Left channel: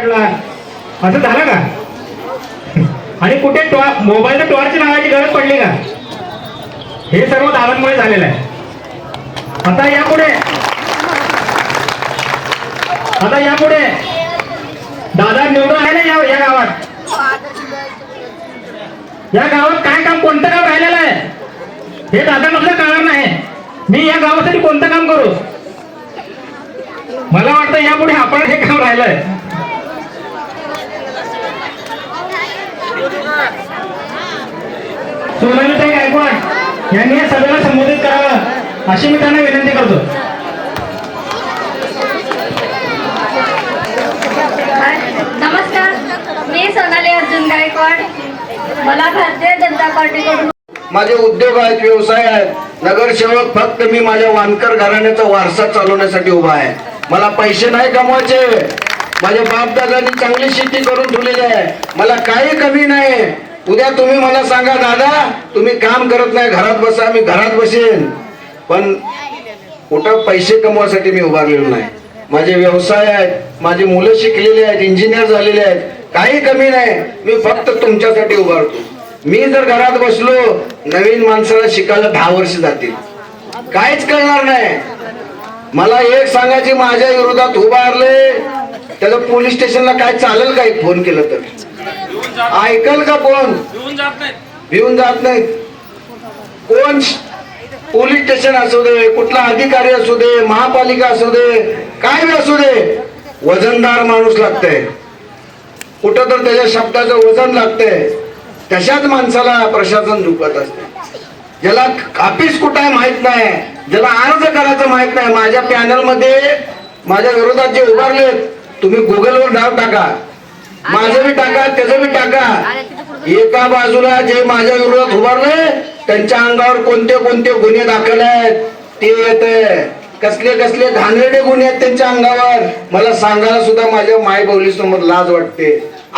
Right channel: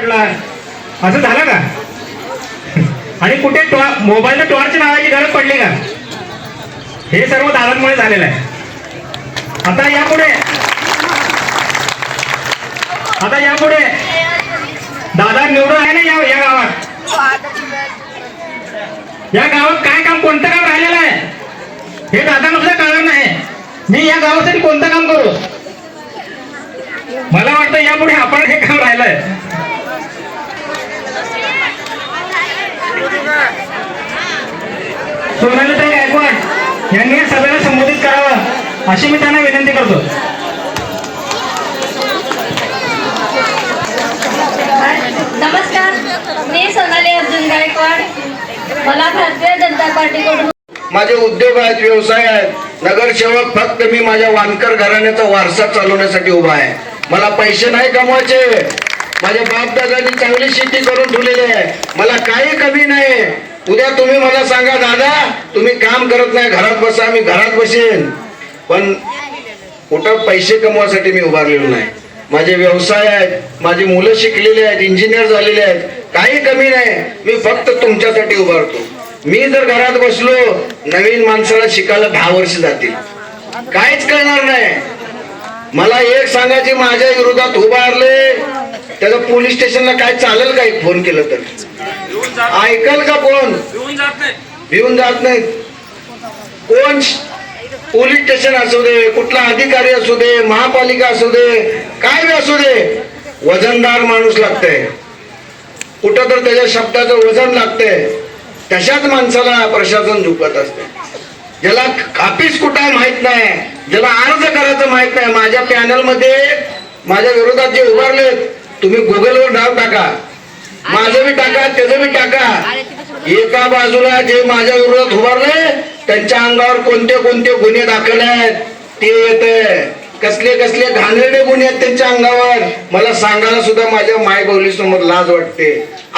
पडला असं झालं का? आणि कुठे मोबाईल टॉर्च लावायची गरज पडली का? हे सर्व दादांमुळे झालेलं आहे. आता यापुढे दादा निवडून आले या गावात काय काम, कोणतं काम राहिलेलं आहे हे दादा नुसतं कळणार नाही. मी या गावासाठी कोणतं काम करू? मला वाटतं यापुढे आपण हे काम राहिलंय. सोनालीताई गायकवाड यांनी या सभेला संबोधित करावं अशी मी त्यांना विनंती करतो. नमस्कार, मी सोनाली अर्जुन गायकवाड. मला भारतीय जनता पार्टीकडून माझे उद्योग आहेत, व्यवसाय आहेत. नगरसेवक फक्त मी माझ्या वानकर घराण्याचा वारसा चालवण्यासाठी उभा आहे. मला पैसे नाही कमवायचे. माझ्या बापदादांनी चांगली शेती करून ठेवलेली आहे. मला काही कमी नाही. उद्या तुम्ही मला सांगा, दादा तुम्ही काम करत नाही, घरात बसा, मी घरात बसेन. पण कुठं पैसे कमवासाठी मी उभारलेलो नाही. माझे व्यवसाय आहेत, माझी मुलं शिकलेली आहेत, इंजिनियर झालेले आहेत, काही कमी नाही. मी फक्त तुमच्यासाठी उभारतो. मी जर घरात बसलो, नवीन माणसाला शिकायला 10 वर्ष जातील, काहीच कळणार नाही. मला एक सांगायचे, माझ्या विरोधात उभारले त्याचं पोलीस स्टेशनला काय चालेल का? फोन केलं तर ऐकल का कोण? भिवून जात नाही कोण. पोलीस स्टेशन असू दे, कुठला अधिकारी असू दे, महापालिका असू दे, काय असू दे, वजनदार माणूस लागतंय. कुठं तर त्याच्या शब्दाचं वजन लागतंय. तशाच माणसाला प्रशासन झुकत असते. ज्याला ऑफिस कुठं आहे माहित नाही, ज्याला अर्ज करायचं माहित नाही. माझ्या पॅनल मध्ये माझ्या विरोधात जे उभारलेत, तुम्ही गुगलवर नाव टाका, माझं बी टाका, त्याचं बी टाका. एका बाजूला जे माझ्या विरोधात उभारले त्यांच्या अंगावर कोणते कोणते गुन्हे दाखल आहेत ते येते. कसले कसले घाणेरडे गुन्हे आहेत त्यांच्या अंगावर, मला सांगायला सुद्धा माझ्या मायबोली समोर लाज वाटते.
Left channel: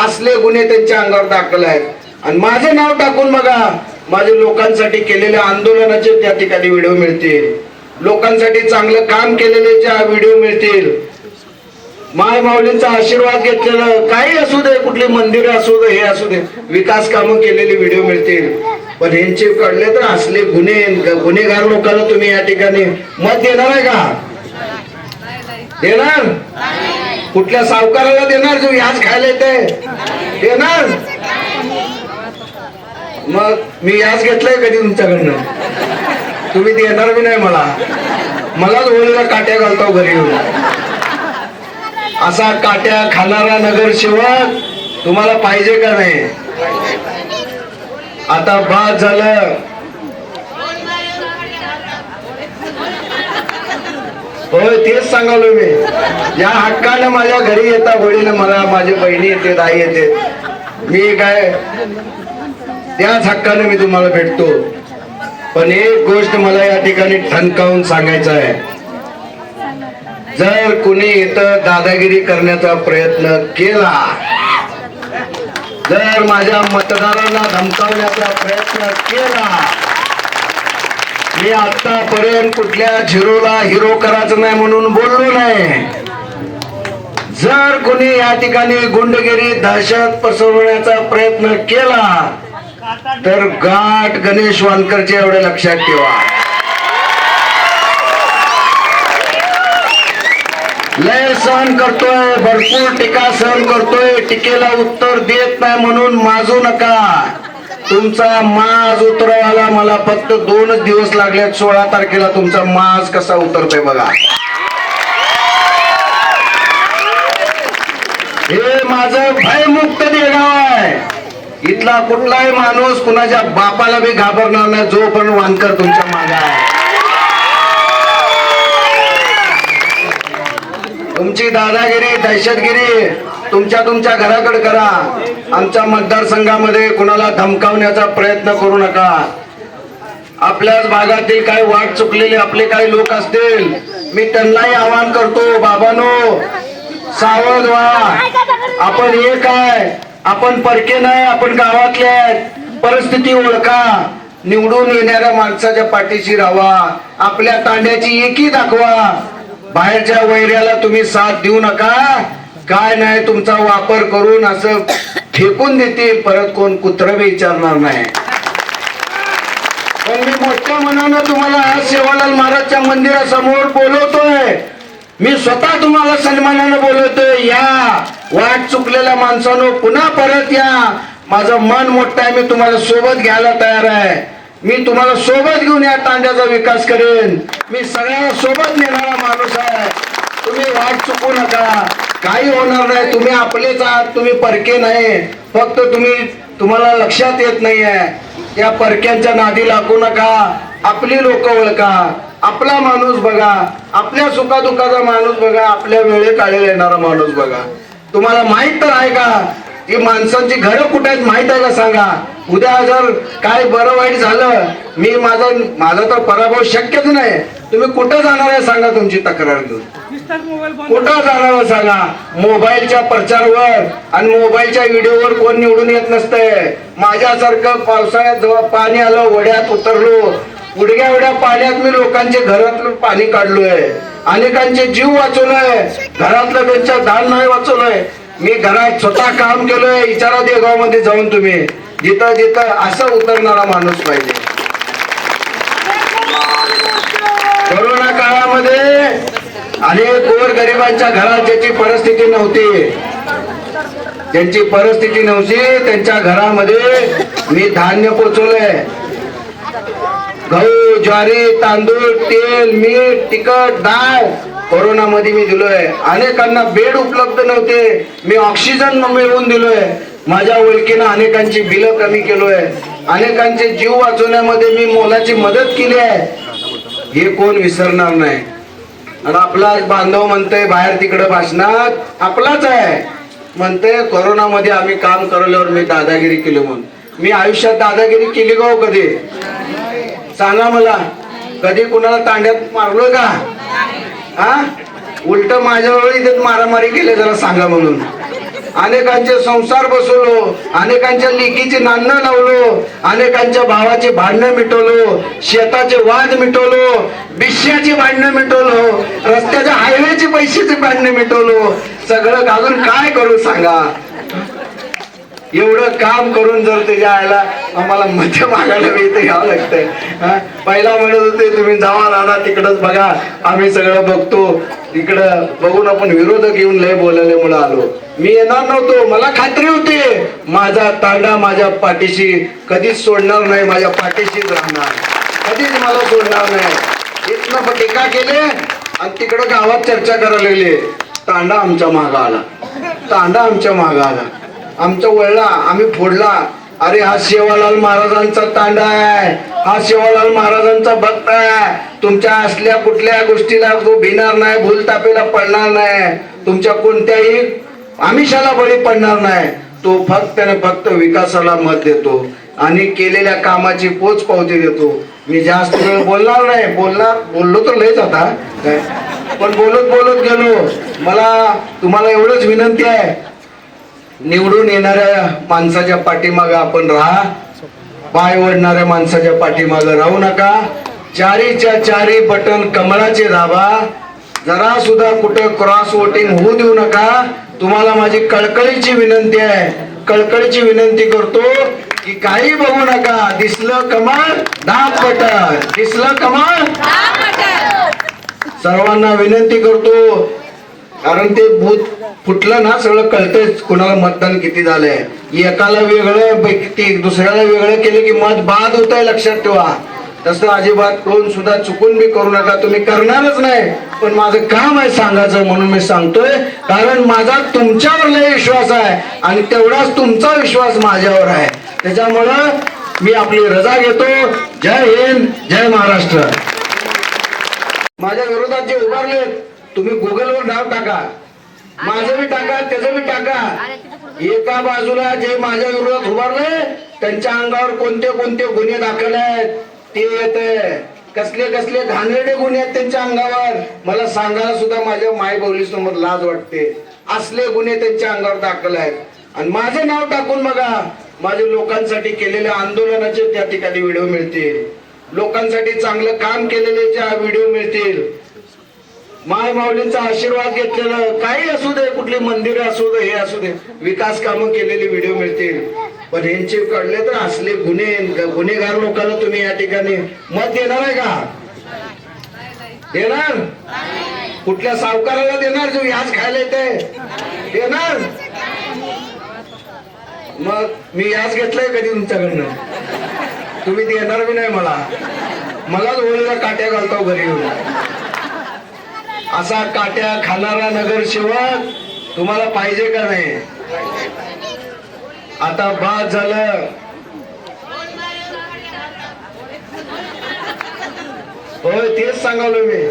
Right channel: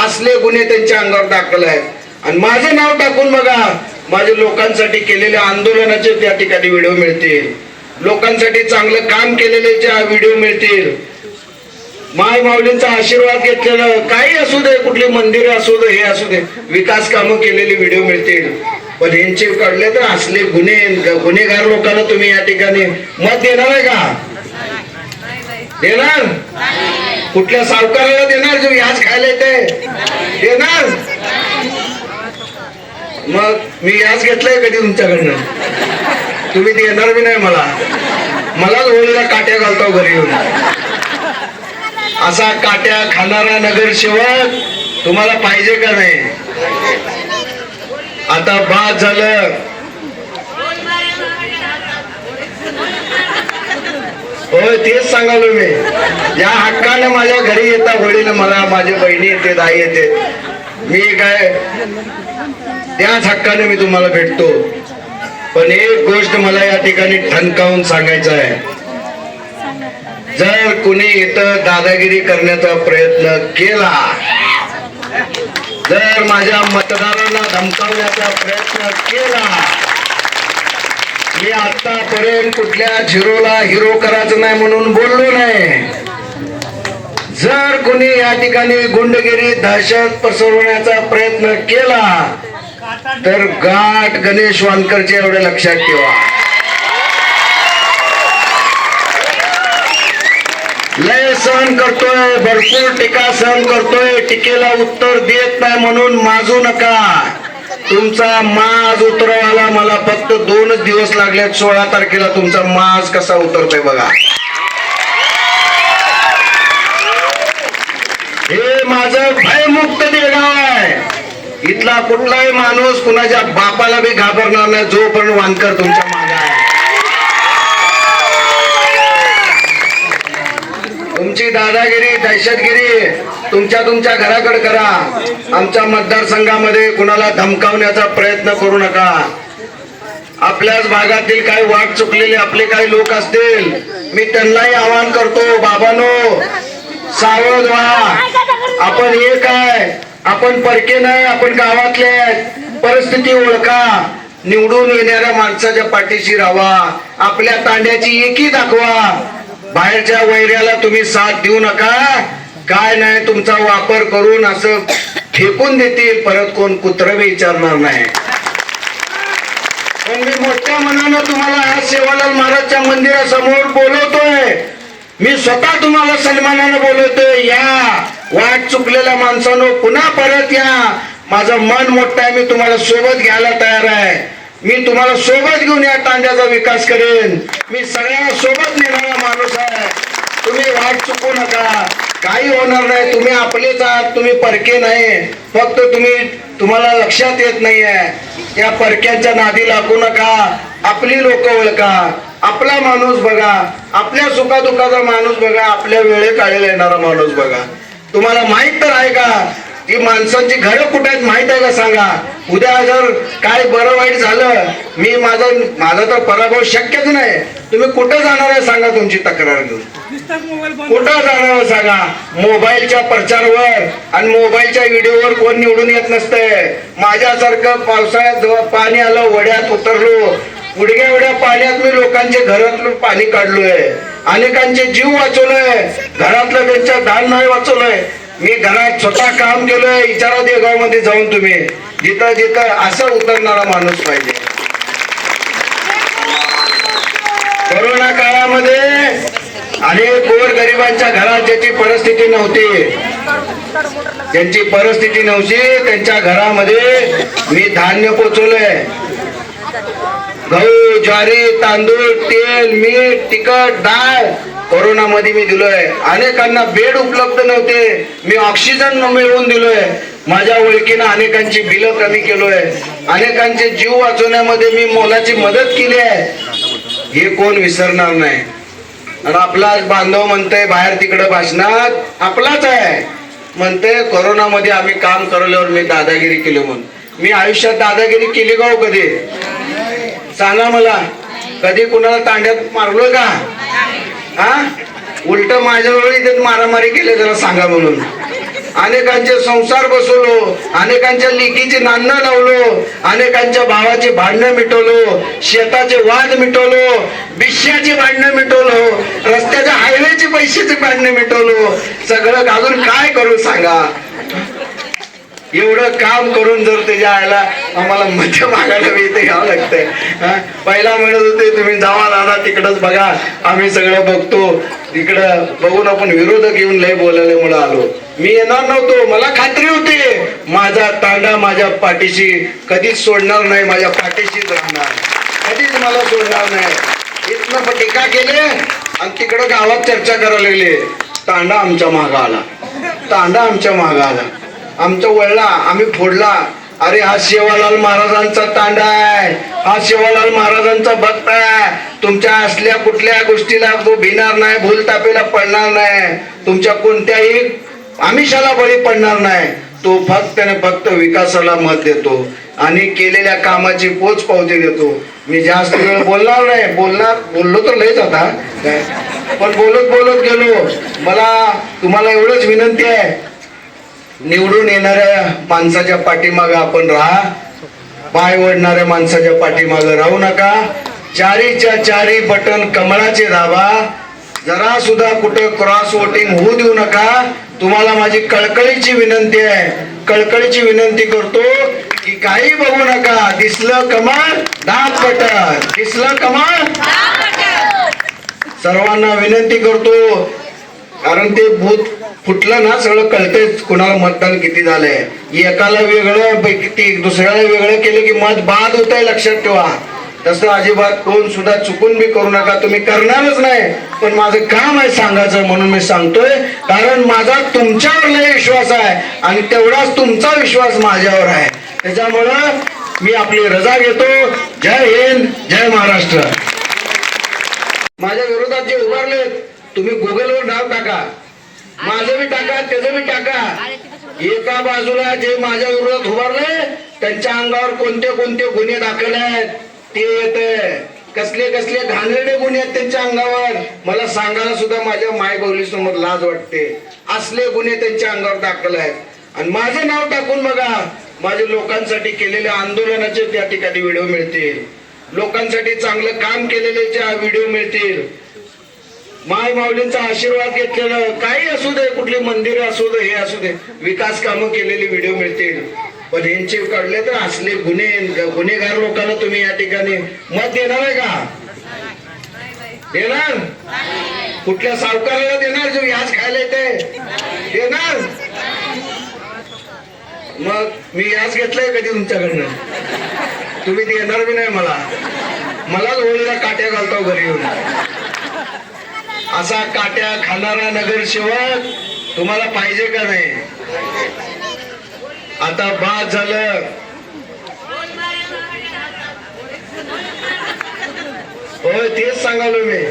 असले गुन्हे त्यांच्या अंगावर दाखल आहेत. आणि माझे नाव टाकून बघा, माझे लोकांसाठी केलेले आंदोलनाचे त्या ठिकाणी व्हिडिओ मिळतील, लोकांसाठी चांगलं काम केलेले व्हिडिओ मिळतील. माय माऊलींचा आशीर्वाद घेतलेलं काही असू दे, कुठली मंदिर असू दे, हे असू दे, विकास कामं केलेली व्हिडिओ मिळतील. पण यांचे काढले तर असले गुन्हेगार लोकांना तुम्ही या ठिकाणी मत देणार आहे का? देणार? कुठल्या सावकाराला देणार जो व्याज खायला येते? देणार? मग मी व्याज घेतलंय कधी तुमच्याकडनं? तुम्ही देणार बी नाही. मलाच होळीला काट्या घालतो घरी येऊन. असा काट्या खाणारा नगरसेवक तुम्हाला पाहिजे का नाही? आता बाद झालं. होय, तेच सांगालो मी. या हक्कानं माझ्या घरी येता होळीला, मला माझ्या बहिणी येते, आई येते. मी काय त्याच हक्कानं मी तुम्हाला भेटतो. पण एक गोष्ट मला या ठिकाणी ठणकावून सांगायचं आहे. जर कुणी इथं दादागिरी करण्याचा प्रयत्न केला, जर माझ्या मतदारांना धमकावण्याचा प्रयत्न केला, मी आतापर्यंत कुठल्या झिरोला हिरो करायचं नाही म्हणून बोललो नाही. जर कुणी या ठिकाणी गुंडगिरी, दहशत पसरवण्याचा प्रयत्न केला तर गाठ गणेश वानकरचे एवढे लक्षात ठेवा. लय सहन करतोय, भरपूर टीका सहन करतोय, टीकेला उत्तर देत नाही म्हणून माजू नका. तुमचा माज उतरायला मला फक्त 2 दिवस लागले. 16 तारखेला तुमचा माज कसा उतरतोय बघा. हे माझं भयमुक्त देगाव आहे. इथला कुठलाही माणूस कुणाच्या बापाला बी घाबरणार नाही जोपर्यंत वानकर तुमच्या मागे आहे. तुमची दादागिरी, दहशतगिरी तुमच्या घराकडे करा. आमच्या मतदारसंघामध्ये कुणाला धमकावण्याचा प्रयत्न करू नका. आपल्याच भागातील काही वाट चुकलेले आपले काही लोक असतील, मी त्यांनाही आवाहन करतो, बाबांनो सावध व्हा. आपण एक आहे, आपण परके नाही, आपण गावातले आहेत. परिस्थिती ओळखा, निवडून येणाऱ्या माणसाच्या पाठीशी राहा, आपल्या तांड्याची एकी दाखवा. बाहेरच्या वैऱ्याला तुम्ही साथ देऊ नका. काय नाही तुमचा वापर करून असं फेकून देतील, परत कोण कुत्र बी विचारणार नाही. पण मी मोठ्या मनानं तुम्हाला आज सेवालाल महाराजच्या मंदिरासमोर बोलवतोय. मी स्वतः तुम्हाला सन्मानानं बोलवतोय. या वाट चुकलेल्या माणसानं पुन्हा परत या. माझं मन मोठं आहे, मी तुम्हाला सोबत घ्यायला तयार आहे. मी तुम्हाला सोबत घेऊन या तांड्याचा विकास करेन. मी सगळ्यांना सोबत नेणारा माणूस आहे. तुम्ही वाट चुकू नका, काही होणार नाही. तुम्ही आपलेच आहात, तुम्ही परके नाही. फक्त तुम्हाला लक्षात येत नाहीये. या परक्यांच्या नादी लागू नका. आपली लोक ओळखा, आपला माणूस बघा, आपल्या सुखादुखाचा माणूस बघा, आपल्या वेळे काढेल येणारा माणूस बघा. तुम्हाला माहित तर आहे का की माणसांची घरं कुठे आहेत माहित आहे का? सांगा. उद्या जर काय बरं वाईट झालं, मी माझा तर पराभव शक्यच नाही. तुम्ही कुठे जाणार आहे सांगा, तुमची तक्रार घेऊन कुठं जाणार आहे सांगा. मोबाईलच्या प्रचारवर आणि मोबाईलच्या व्हिडिओवर कोण निवडून येत नसते. माझ्यासारखं पावसाळ्यात जेव्हा पाणी आलं, वड्यात उतरलो, उडग्या एवढ्या पाण्यात मी लोकांचे घरातलं पाणी काढलोय, अनेकांचे जीव वाचवलोय, घरातलं त्यांच्या दान नाही वाचवलंय. मी घरात स्वतः काम केलोय. विचारा देगावमध्ये जाऊन तुम्ही, जिथं जिथं असं उतरणारा माणूस पाहिजे. कोरोना काळामध्ये अनेक गोरगरिबांच्या घरात ज्यांची परिस्थिती नव्हती, त्यांच्या घरामध्ये मी धान्य पोचवलंय. गहू, ज्वारी, तांदूळ, तेल, मीठ, तिखट, डाळ कोरोनामध्ये मी दिलोय. अनेकांना बेड उपलब्ध नव्हते, मी ऑक्सिजन मिळवून दिलोय. माझ्या ओळखीनं अनेकांची बिलं कमी केलोय. अनेकांचे जीव वाचवण्यामध्ये मी मोलाची मदत केली आहे. हे कोण विसरणार नाही. आणि आपलाच बांधव म्हणतोय बाहेर तिकडे भाषणात, आपलाच आहे म्हणते कोरोनामध्ये आम्ही काम करल्यावर मी दादागिरी केली म्हणून. मी आयुष्यात दादागिरी केली का हो कधी? सांगा मला. कधी कुणाला तांड्यात मारलोय का? हा, उलट माझ्या वेळी मारामारी केले जरा सांगा म्हणून. अनेकांचे संसार बसवलो, अनेकांच्या लेकीचे नांदणं लावलो, अनेकांच्या भावाचे भांडणं मिटवलो, शेताचे वाद मिटवलो, बिश्याची भांडणं मिटवलो, रस्त्याच्या हायवेची पैशाची भांडणं मिटवलो. सगळं घालून काय करू सांगा. एवढं काम करून जर त्याच्या आयला आम्हाला मध्य मागायला इथे घ्यावं लागतंय. पहिला म्हणत होते तुम्ही जावा दादा तिकडच बघा, आम्ही सगळं बघतो. तिकडं बघून आपण विरोधक येऊन लय बोलायला मला आलो. मी येणार नव्हतो. मला खात्री होती माझा तांडा माझ्या पाठीशी कधीच सोडणार नाही, माझ्या पाठीशीच राहणार, कधीच मला सोडणार नाही. इथनं टीका केले आणि तिकडं गावात चर्चा करायला लागले. तांडा आमच्या मागा आला, तांडा आमच्या मागा आला, आमच्या वळला, आम्ही फोडला. अरे हा सेवालाल महाराजांचा तांडा आहे, हा सेवालाल महाराजांचा भक्त आहे. तुमच्या असल्या कुठल्या गोष्टीला तो भिणार नाही, भूलतापेला पडणार नाही, तुमच्या कोणत्याही आमिषाला बळी पडणार नाही. तो फक्त विकासाला मत देतो आणि केलेल्या कामाची पोच पावती देतो. मी जास्त वेळ बोलणार नाही. बोललो तर लयच आता काय, पण बोलत गेलो. मला तुम्हाला एवढंच विनंती आहे, निवडून येणाऱ्या माणसाच्या पाठीमागं आपण राहा, पाय ओढणाऱ्या माणसाच्या पाठीमागं राहू नका. चारीच्या चारी बटन कमळाचे दाबा. जरा सुद्धा कुठे क्रॉस वोटिंग होऊ देऊ नका. तुम्हाला माझी कळकळीची विनंती आहे, कळकळीची विनंती करतो की काही बघू नका. दिसलं कमळ दाब बटन, दिसलं कमळ. सर्वांना विनंती करतो, कारण ते भूत फुटलं ना सगळं कळतेच कुणाला मतदान किती झालंय. एकाला वेगळं दुसऱ्याला वेगळं केलं की मत बाद होत आहे, लक्षात ठेवा. तसं अजिबात कोण सुद्धा चुकून बी करू नका. तुम्ही करणारच नाही, पण माझं काम आहे सांगायचं म्हणून मी सांगतोय. कारण माझा तुमच्यावर लय विश्वास आहे आणि तेवढाच तुमचा विश्वास माझ्यावर आहे. त्याच्यामुळं मी आपली रजा घेतो. जय हिंद, जय महाराष्ट्र. माझ्या विरोधात जे उभारले तुम्ही गुगलवर नाव टाका, माझं बी टाका, त्याचं बी टाका. एका बाजूला जे माझ्या विरोधात उभारले त्यांच्या अंगावर कोणते कोणते गुन्हे दाखल आहेत ते येते. कसले घाणेरडे गुन्हे आहेत त्यांच्या अंगावर, मला सांगायला सुद्धा माझ्या मायबोली समोर लाज वाटते. असले गुन्हे त्यांच्या अंगावर दाखल आहेत. आणि माझे नाव टाकून बघा, माझे लोकांसाठी केलेल्या आंदोलनाचे त्या ठिकाणी व्हिडिओ मिळतील, लोकांसाठी चांगलं काम केलेले व्हिडिओ मिळतील. माऊलींचा आशीर्वाद घेतलेलं काही असू दे, कुठली मंदिरं असू दे, हे असू दे, विकास कामं केलेली व्हिडिओ मिळतील. पण यांचे कळले तर असले गुन्हेगार लोकांना तुम्ही या ठिकाणी मत देणार आहे का? देणार? कुठल्या सावकाराला देणार जो व्याज खायला येते? देणार? मग मी व्याज घेतलंय कधी तुमच्याकडनं? तुम्ही देणार बी नाही मलाच होळीला काट्या घालतो घरी येऊन. असा काट्या खाणारा नगरसेवक तुम्हाला पाहिजे का नाही? आता बाद झालं. होय, तेच सांगालो मी.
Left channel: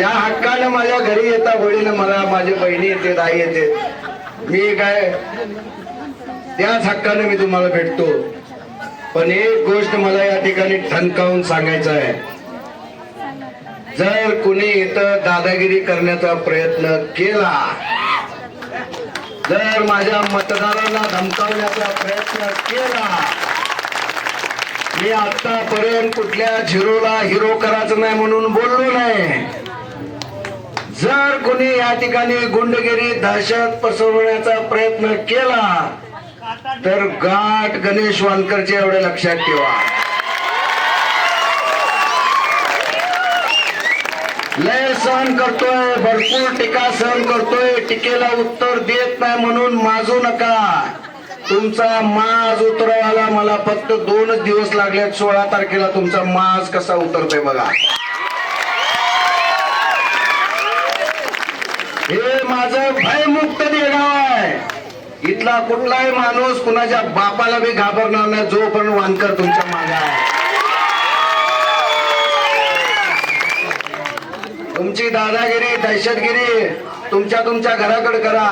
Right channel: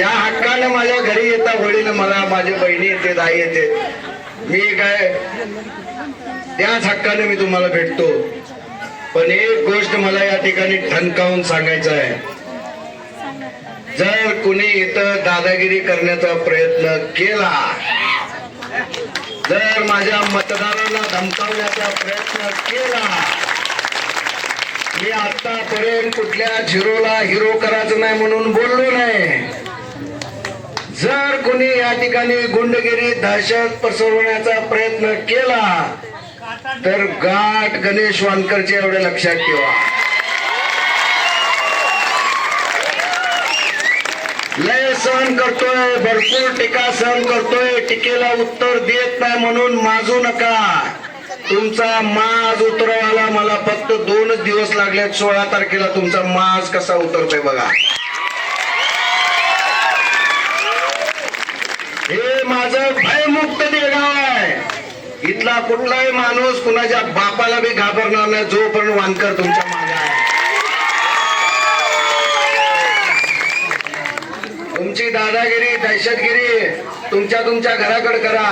या हक्कानं माझ्या घरी येता होळीला, मला माझ्या बहिणी येते, आई येते, मी काय त्याच हक्कानं मी तुम्हाला भेटतो. पण एक गोष्ट मला या ठिकाणी ठणकावून सांगायचं आहे. जर कुणी इथं दादागिरी करण्याचा प्रयत्न केला, जर माझ्या मतदारांना धमकावण्याचा प्रयत्न केला, मी आतापर्यंत कुठल्या झिरोला हिरो करायचं नाही म्हणून बोललो नाही. जर कुणी या ठिकाणी गुंडगिरी, दहशत पसरवण्याचा प्रयत्न केला तर गाठ गणेश वानकरचे एवढे लक्षात ठेवा. लय सहन करतोय, भरपूर टीका सहन करतोय, टीकेला उत्तर देत नाही म्हणून माजू नका. तुमचा माज उतरवायला मला फक्त 2च दिवस लागले. 16 तारखेला तुमचा माज कसा उतरतोय बघा. हे माझं भयमुक्त देगाव आहे. इथला कुठलाही माणूस कुणाच्या बापाला बी घाबरणार नाही जोपर्यंत वानकर तुमच्या मागे आहे. तुमची दादागिरी, दहशतगिरी तुमच्या घराकडे करा.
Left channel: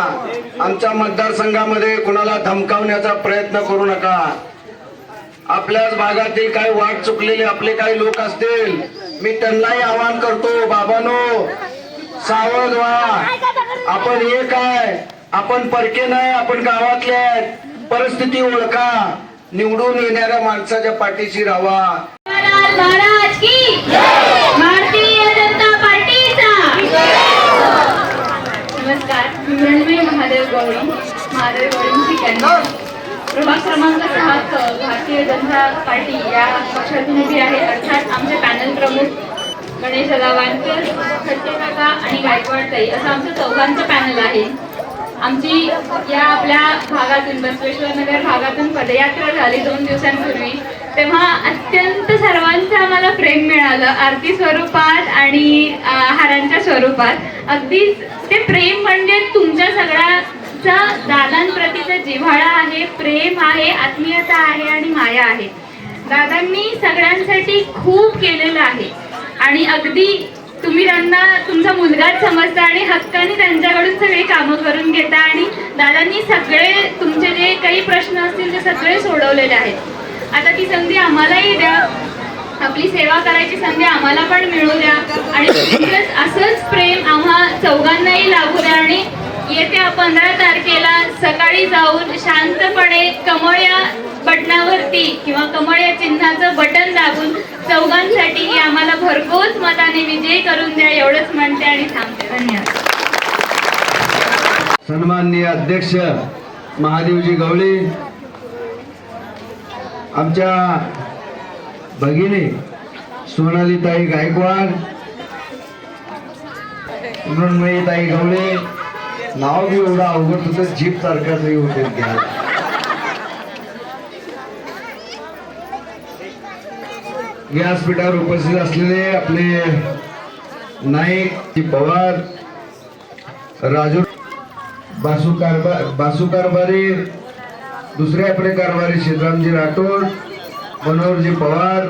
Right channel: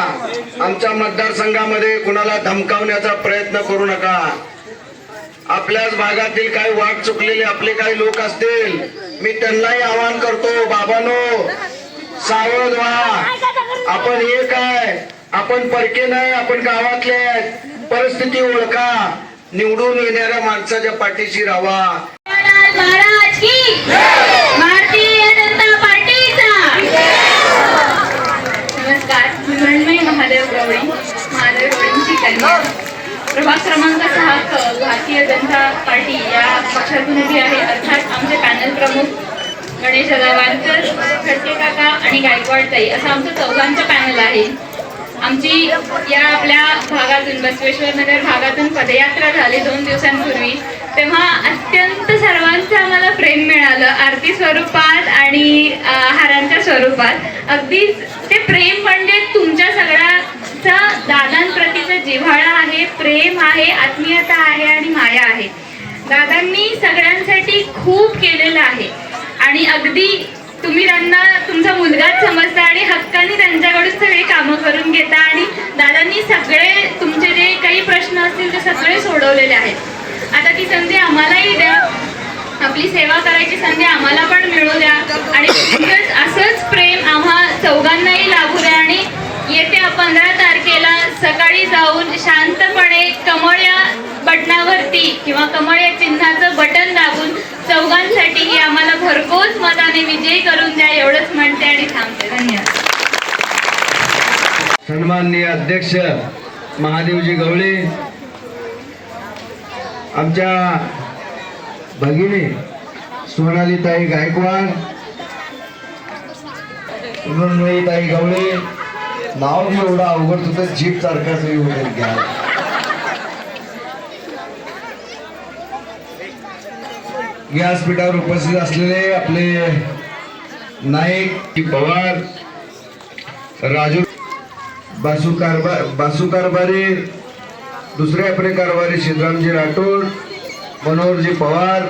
आमच्या मतदारसंघामध्ये कुणाला धमकावण्याचा प्रयत्न करू नका. आपल्याच भागातील काही वाट चुकलेले आपले काही लोक असतील, मी त्यांनाही आवाहन करतो, बाबांनो सावध व्हा. आपण एक आहे, आपण परके नाही, आपण गावातले आहेत. परिस्थिती ओळखा, निवडून येणाऱ्या माणसाच्या पाठीशी राहा. महाराज की भारतीय जनता पार्टीचा. नमस्कार, मी मृण्मयी महादेव गवळी, महादेव गवळींची कन्या, प्रभाग क्रमांक 6 भारतीय जनता पार्टी या पक्षातून उभी आहे. अर्थात आमचे पॅनल प्रमुख गणेश वानकर, खडके काका आणि गायकवाड ताई असं आमचं चौघांचं पॅनल आहे. आमची या आपल्या भागातून, बसवेश्वर नगर भागातून पदयात्रा झाली 2 दिवसांपूर्वी. तेव्हा अत्यंत सर्वांचं आम्हाला प्रेम मिळालं, आरती स्वरूपात आणि हारांच्या स्वरूपात. अगदीच ते प्रेम म्हणजे तुमच्या सगळ्याचा दादांप्रतीचा जिव्हाळा आहे, प्रेम आहे, आत्मीयता आहे आणि माया आहे. दादांनी सगळ्यांसाठी खूप केलेलं आहे आणि अगदी तुम्ही त्यांना तुमचा मुलगाच समजता आणि हक्काने त्यांच्याकडून सगळी कामं करून घेता. आणि दादांनी सगळे तुमचे जे काही प्रश्न असतील ते सगळे सोडवलेले आहेत. आता ती संधी आम्हालाही द्या, आपली सेवा करायची संधी आम्हाला पण मिळू द्या आणि असंच प्रेम आम्हा चौघांनाही लागू द्या. आणि येत्या 15 तारखेला सकाळी जाऊन शांतपणे कमळ या बटनावरती किंवा कमळ या चिन्हाचं बटन दाबून चौघांसाठी आम्हाला भरघोस मताने विजयी करून द्या एवढंच म्हणते आणि थांबते. धन्यवाद. सन्माननीय अध्यक्ष महादेवजी गवळे, आमच्या भगिनी सोनालीताई गायकवाड, मृण्मयीताई गवळे, नाव बी एवढं अवघड तुझं जीप सारखाच घ्या. व्यासपीठावर उपस्थित असलेले आपले नाईक पवार, राजू बासू कारभारी, दुसरे आपले कारभारी सिद्धरामजी राठोड, मनोहरजी पवार,